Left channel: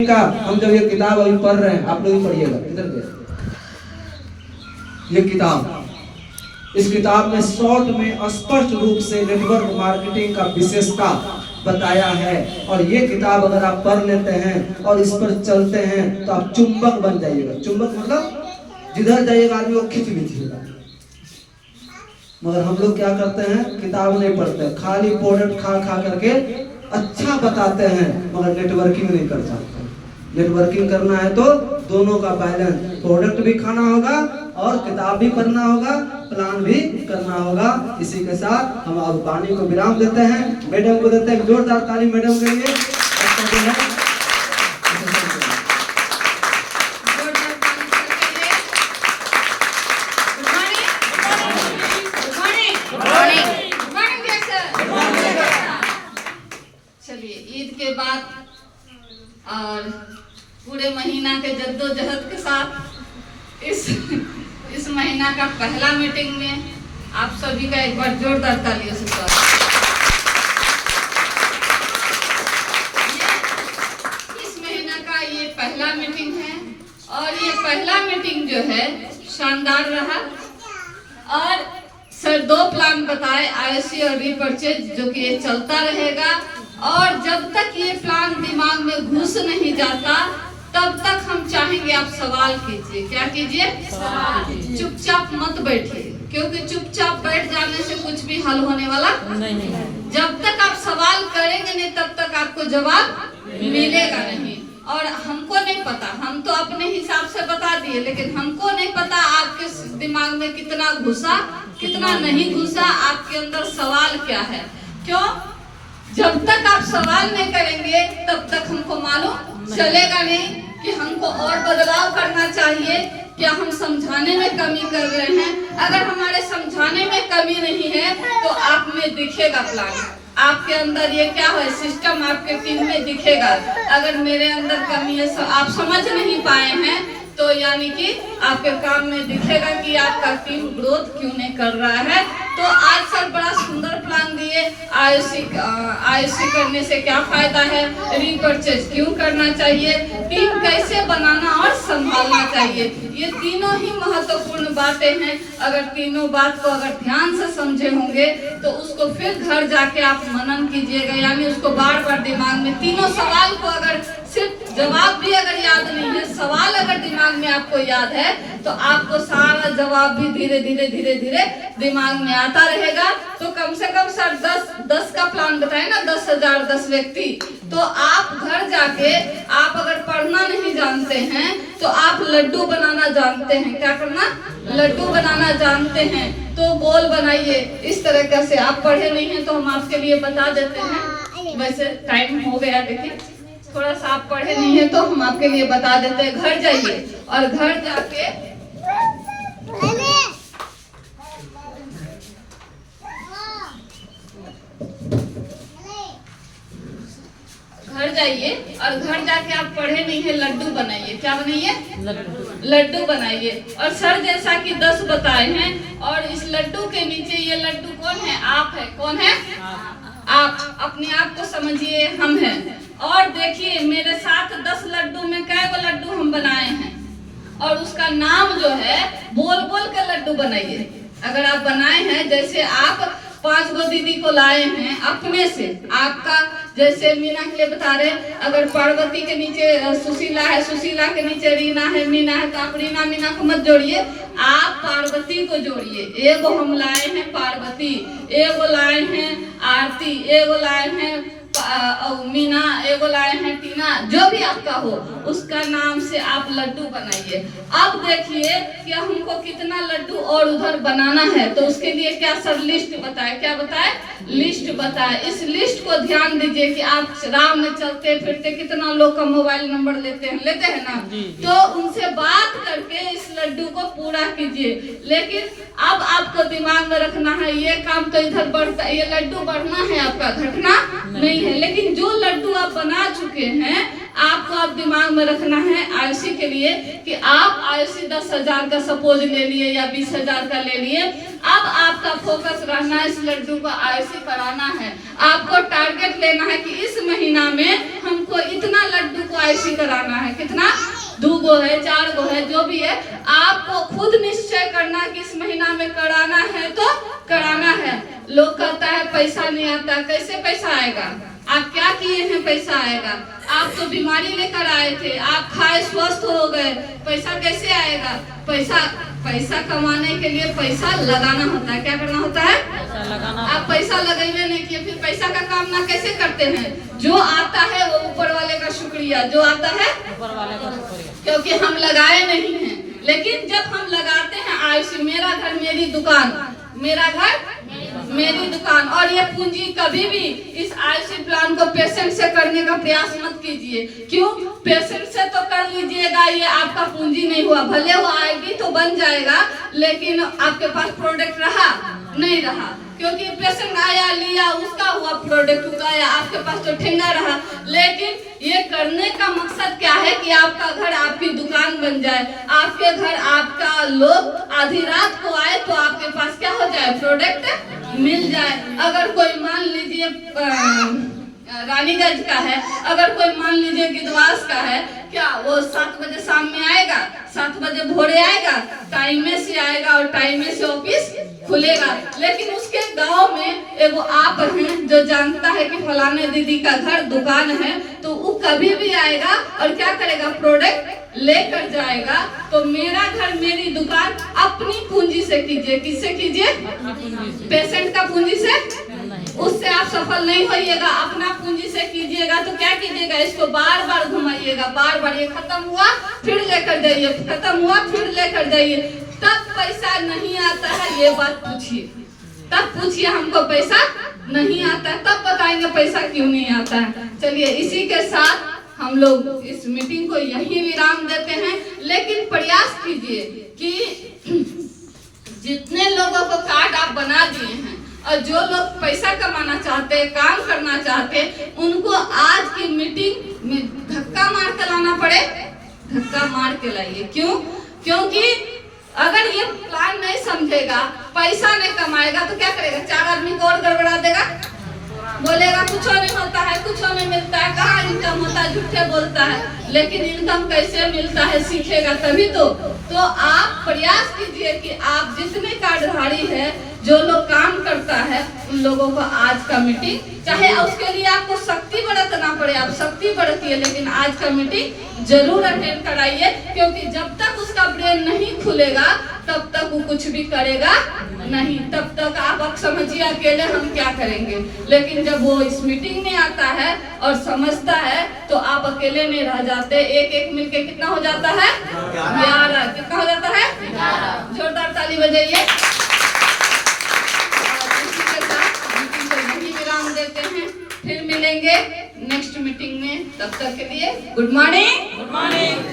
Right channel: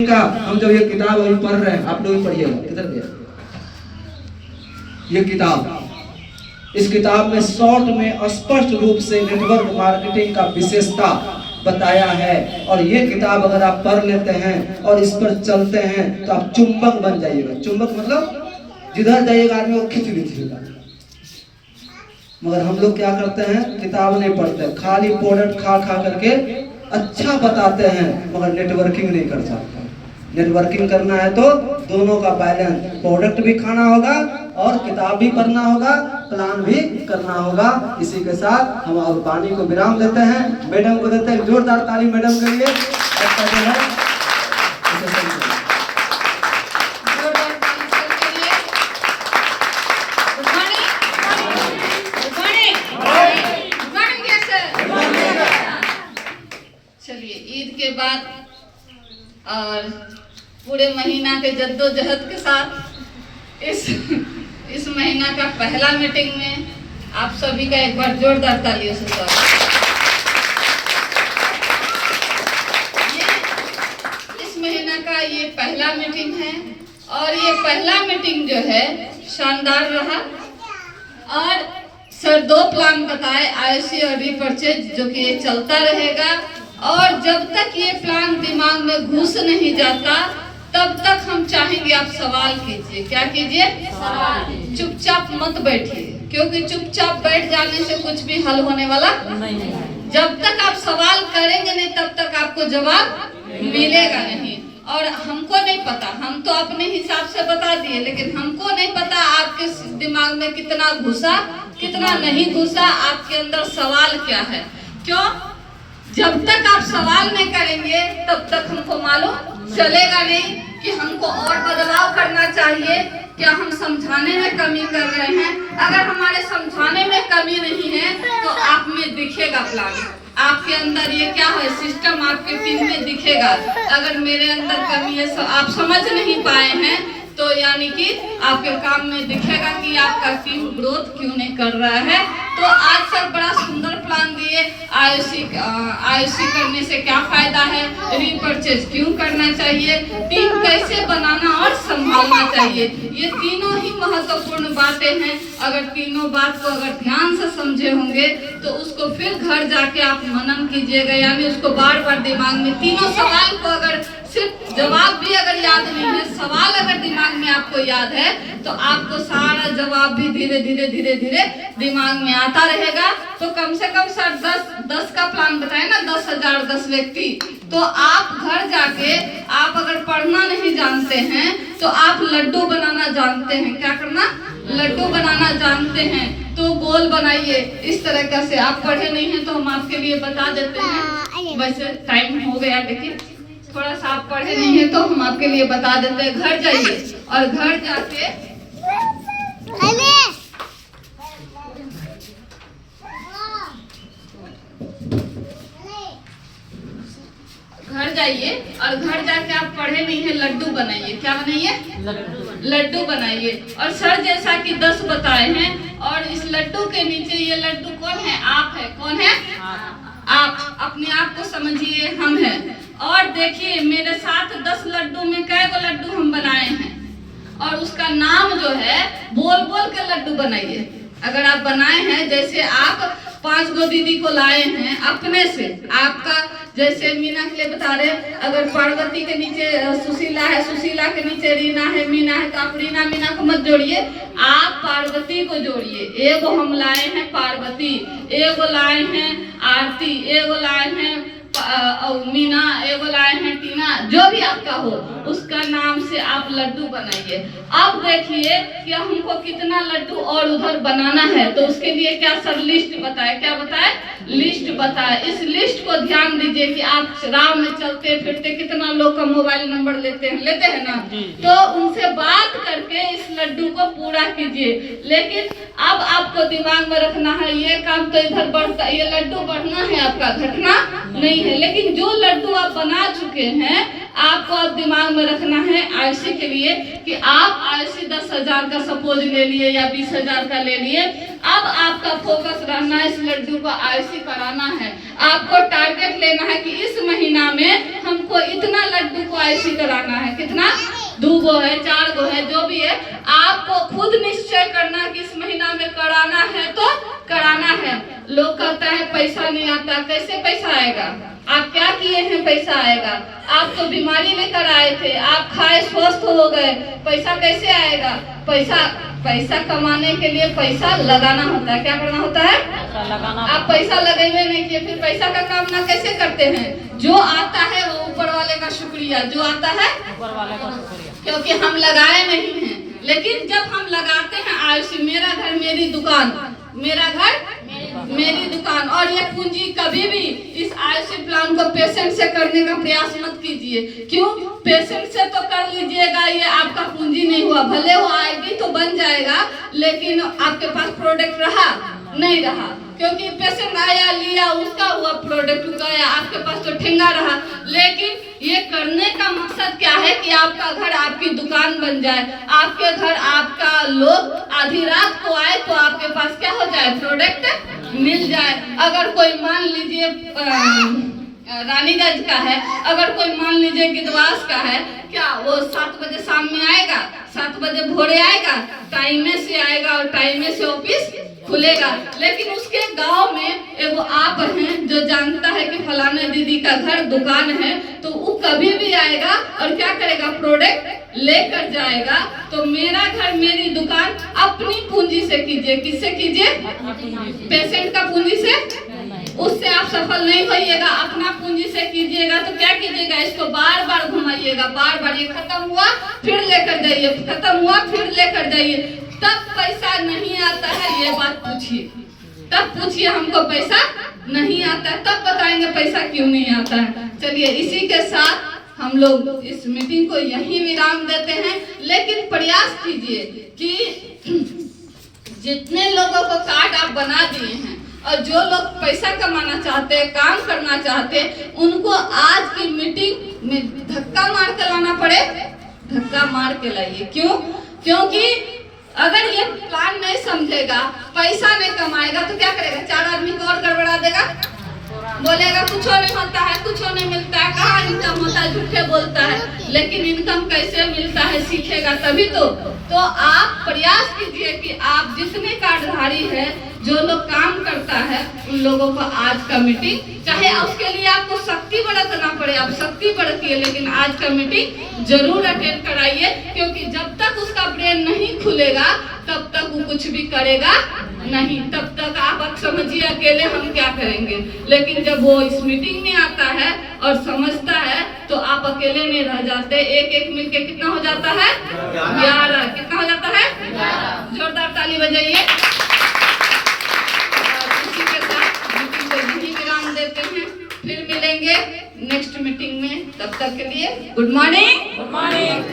का हम जब ये किताब अभी पढ़ रहे हैं, आप लोग भी पढ़िएगा। किधर गया ये किताब? इस किताब में शॉर्ट में स्पष्ट रूप से नेटवर्क मार्केटिंग का विशेषता बताया है। और ये किताब अगर आप पढ़ लेते हैं और इस पर चलते हैं तो आप चुंबक बन जाइएगा। चुंबक मतलब जिधर जाइएगा आदमी को खींच लीजिएगा। मगर हम लोग क्या करते हैं, किताब नहीं पढ़ते, खाली प्रोडक्ट खा खा करके अच्छा बताते हैं मगर नेटवर्किंग नहीं कर सकते। नेटवर्किंग करना है तो दोनों का बैलेंस, प्रोडक्ट भी खाना होगा और किताब भी पढ़ना होगा, प्लान भी करना होगा। इसी के साथ हम अब वाणी को विराम देते हैं। मैडम को देते हैं जोरदार ताली मैडम के लिए। चलिए, ईद के बाद और पूरे महीना के जद्दोजहद के साथ इस महीना का पहला मीटिंग में आप सभी का एक बार जोरदार तालियों से स्वागत। इस महीना का ये पहला मीटिंग है और ये पहला मीटिंग जो है शानदार रहा। और सर 2 प्लान बताए, आईसी और रीपरचेज, जो कि ये चलता रहेगा। और जब तक ये प्लान दिमाग में घुस नहीं जाता तब तक हम चाहेंगे आप सवाल कीजिए। क्या कीजिए? सवाल। चुपचाप मत बैठिए, क्योंकि चुपचाप बैठ जाने से कुछ भी हल होने वाला नहीं है। जब तक आप सवाल करेंगे नहीं तब तक आपको जवाब मिलेगा नहीं। और हमको नहीं पता, हम तो अपने हिसाब से बता दिए, लेकिन हमको नहीं पता आपके दिमाग में कितना घुसा कितना नहीं घुसा, आपके अंदर सवाल क्या है। क्यों? जब तक आप सवाल नहीं करेंगे तब तक हमको मालूम चलेगा नहीं कि हमको और बदलाव करना चाहिए, क्या हम समझाने में कमी कर रहे हैं। अगर हमारे समझाने में कमी नहीं है तो आप में दिखेगा प्लान, आपके अंदर ये क्या है सिस्टम आपके टीम में दिखेगा। अगर मेरे अंदर कमी है, आप समझ नहीं पाए हैं, तो यानी कि आपके काम में दिखेगा कि आपका टीम ग्रोथ क्यों नहीं कर रहा है। तो आज सर बड़ा सुंदर प्लान दिए। आईओसी करने से क्या फायदा है, रीपरचेज क्यों करना चाहिए, टीम कैसे बनाना और संभालना चाहिए, ये तीनों ही महत्वपूर्ण बातें हैं। अगर तीनों बात को अगर ध्यान से समझे होंगे तो उसको फिर घर जाके आप मनन कीजिएगा, यानी उसको बार बार दिमाग में, तीनों सवाल को अगर सिर्फ जवाब भी अगर याद नहीं है, सवाल अगर दिमाग में आपको याद है तो आपको सारा जवाब भी धीरे धीरे दिमाग में आता रहेगा। तो कम से कम सर 10 का प्लान बताए ना, 10,000 10 व्यक्ति। तो आप घर जाके आप अगर पढ़ना नहीं जानते हैं तो आप लड्डू बनाना जानते हैं। क्या करना? लड्डू बनाना जानते हैं। तो गोल बनाइए इस तरह से। आप पढ़े नहीं हैं तो हम आपके लिए बता देते हैं। वैसे टाइम हो गया, लेकिन थोड़ा सा आप पढ़े नहीं है तो हम आपके लिए बता देते हैं। घर जाइए और घर जाके आप पढ़े नहीं है, लड्डू बनाइए। क्या बनाइए? लड्डू बनाइए। और सर जैसा कि 10 बताए हैं, और इस लड्डू के नीचे ये लड्डू कौन है? आप है। कौन है? आप। अपने आप को समझिए हम हैं। और देखिए मेरे साथ 10 लड्डू में कै गो लड्डू हम बनाए हैं, और उसका नाम जो है बोल बोल के लड्डू बनाइए। अगर आप बनाए हैं, जैसे आप 5 गो दीदी को लाए हैं अपने से, आपका जैसे मीना के लिए बता रहे, अगर पार्वती के नीचे सुशीला है, सुशीला के नीचे रीना है, मीना है, तो आप रीना मीना को मत जोड़िए, आप पार्वती को जोड़िए। एगो हम लाए हैं पार्वती, एगो लाए हैं आरती, एगो लाए हैं मीना, एगो लाए हैं टीना, जो भी आपका हो उसका नाम से आप लड्डू बनाइए। अब देखिए कि हमको कितना लड्डू और उधर बनाना है, तो उसके लिए क्या सर लिस्ट बताए? क्या बताए? लिस्ट बताए। इस लिस्ट को ध्यान दीजिए कि आप राह में चलते फिरते कितना लोग का मोबाइल नंबर लेते हैं ना, तो उनसे बात करके इस लड्डू को पूरा कीजिए। लेकिन अब आपको दिमाग में रखना है, ये काम तो इधर बढ़ता, ये लड्डू बढ़ना है आपका, घटना नहीं है। लेकिन जो लड्डू आप बना चुके हैं, आपको अब दिमाग में रखना है आईसी के लिए कि आप आईसी 10,000 का सपोज ले लिए या 20,000 का ले लिए, अब आपका फोकस रहना है इस लड्डू को आयुषी कराना है। आपको टारगेट लेना है कि इस महीना में हमको इतना लड्डू को आयुषी कराना है। कितना? 2 गो है, 4 गो है, जो भी है आपको खुद निश्चय करना कि इस महीना में कराना है तो कराना है। लोग कहता है पैसा नहीं आता, कैसे पैसा आएगा? आप क्या किए हैं पैसा आएगा? आप तो बीमारी लेकर आए थे, आप खाए स्वस्थ हो गए, पैसा कैसे आएगा? पैसा कमाने के लिए पैसा लगाना होता है। क्या करना होता है? आप पैसा लगाइए नहीं किए, फिर पैसा का काम ना कैसे करते हैं? जो आता है वो ऊपर वाले का शुक्रिया, जो आता है ऊपर वाले का शुक्रिया, क्योंकि हम लगाए नहीं हैं। लेकिन जब हम लगाते हैं आयुष, मेरा घर मेरी दुकान, मेरा घर मेरी दुकान, और ये पूंजी कभी भी इस आयुषी प्लान को पेशेंट से करने का प्रयास मत कीजिए। क्यों? पेशेंट से तो कर लीजिएगा, ये आपका पूंजी नहीं हुआ, भले वो आएगी तो बन जाएगा, लेकिन आपके पास प्रोडक्ट रहा नहीं रहा, क्योंकि पेशेंट आया लिया, उसका हुआ प्रोडक्ट उगाया, आपके पास तो ठेंगा रहा। लेकिन ये करने का मकसद क्या है कि आपका घर आपकी दुकान बन जाए, आपके घर आपका लोग आधी रात को आए तो आपके पास क्या हो जाए? प्रोडक्ट मिल जाए। अगर कोई मान लीजिए रानीगंज का है, अगर कोई मान लीजिए गिदवास का है, क्या वो 7 बजे शाम में आएगा, 7 बजे भोरे आएगा, टाइम से आएगा और टाइम से ऑफिस खुलेगा। लेकिन उसके गांव में एगो आप हैं जो जानता है कि फलाने दीदी का घर दुकान है, तो वो कभी भी आएगा और क्या करेगा? प्रोडक्ट लेकर जाएगा। तो मेरा घर मेरी दुकान अपनी पूंजी से कीजिए। किससे कीजिए? पेशेंट का पूंजी से, उससे आप सफल नहीं होइएगा। अपना पूंजी से कीजिएगा तो क्या कीजिएगा? इसको बार बार घुमाइएगा, बार बार, ये खत्म हुआ फिर लेकर जाइए, खत्म हुआ फिर लेकर जाइए, तब पैसा नहीं आता है। ये बात पूछिए, तब पूछिए हमको पैसा नहीं आता है, तब बताएंगे पैसा क्यों नहीं आता है। चलिए, इसी के साथ हम लोग इस मीटिंग को यहीं विराम देते हैं। लेकिन प्रयास कीजिए कि जितने लोगों को कार्ड आप बना दिए हैं और जो लोग पैसा कमाना चाहते हैं, काम करना चाहते हैं, उनको आज की मीटिंग में धक्का मार के लाना पड़े, धक्का मार के लाइए। क्यों? क्योंकि अगर ये प्लान नहीं समझेगा, पैसा नहीं कमाएगा तो क्या करेगा? 4 आदमी को और गड़बड़ा देगा, बोलेगा कुछ नहीं होता है, कुछ नहीं मिलता है, कहाँ इनकम होता है, झूठे बोलता है। लेकिन इनकम कैसे मिलता है सीखेगा तभी तो आप प्रयास कीजिए कि आप जितने कार्डधारी है, जो लोग काम करता है, उन लोगों को आज का मीटिंग, चाहे उसके लिए आपको शक्ति बरतना पड़े, आप शक्ति बरतिए, लेकिन आज का मीटिंग जरूर अटेंड कराइए। क्योंकि जब तक उसका ब्रेन नहीं खुलेगा तब तक वो कुछ भी करेगा नहीं। तब तक आप समझिए अकेले हम क्या करेंगे। लेकिन जब वो इस मीटिंग में आता है और समझता है तो आप अकेले नहीं रह जाते। एक मिलके कितना हो जाता है? 11। कितना हो जाता है? 11। जोरदार ताली बजाइए। इसी के साथ मीटिंग को यहीं विराम देते हैं, फिर मिलेंगे नेक्स्ट मीटिंग में। तब तक के लिए गुड मॉर्निंग।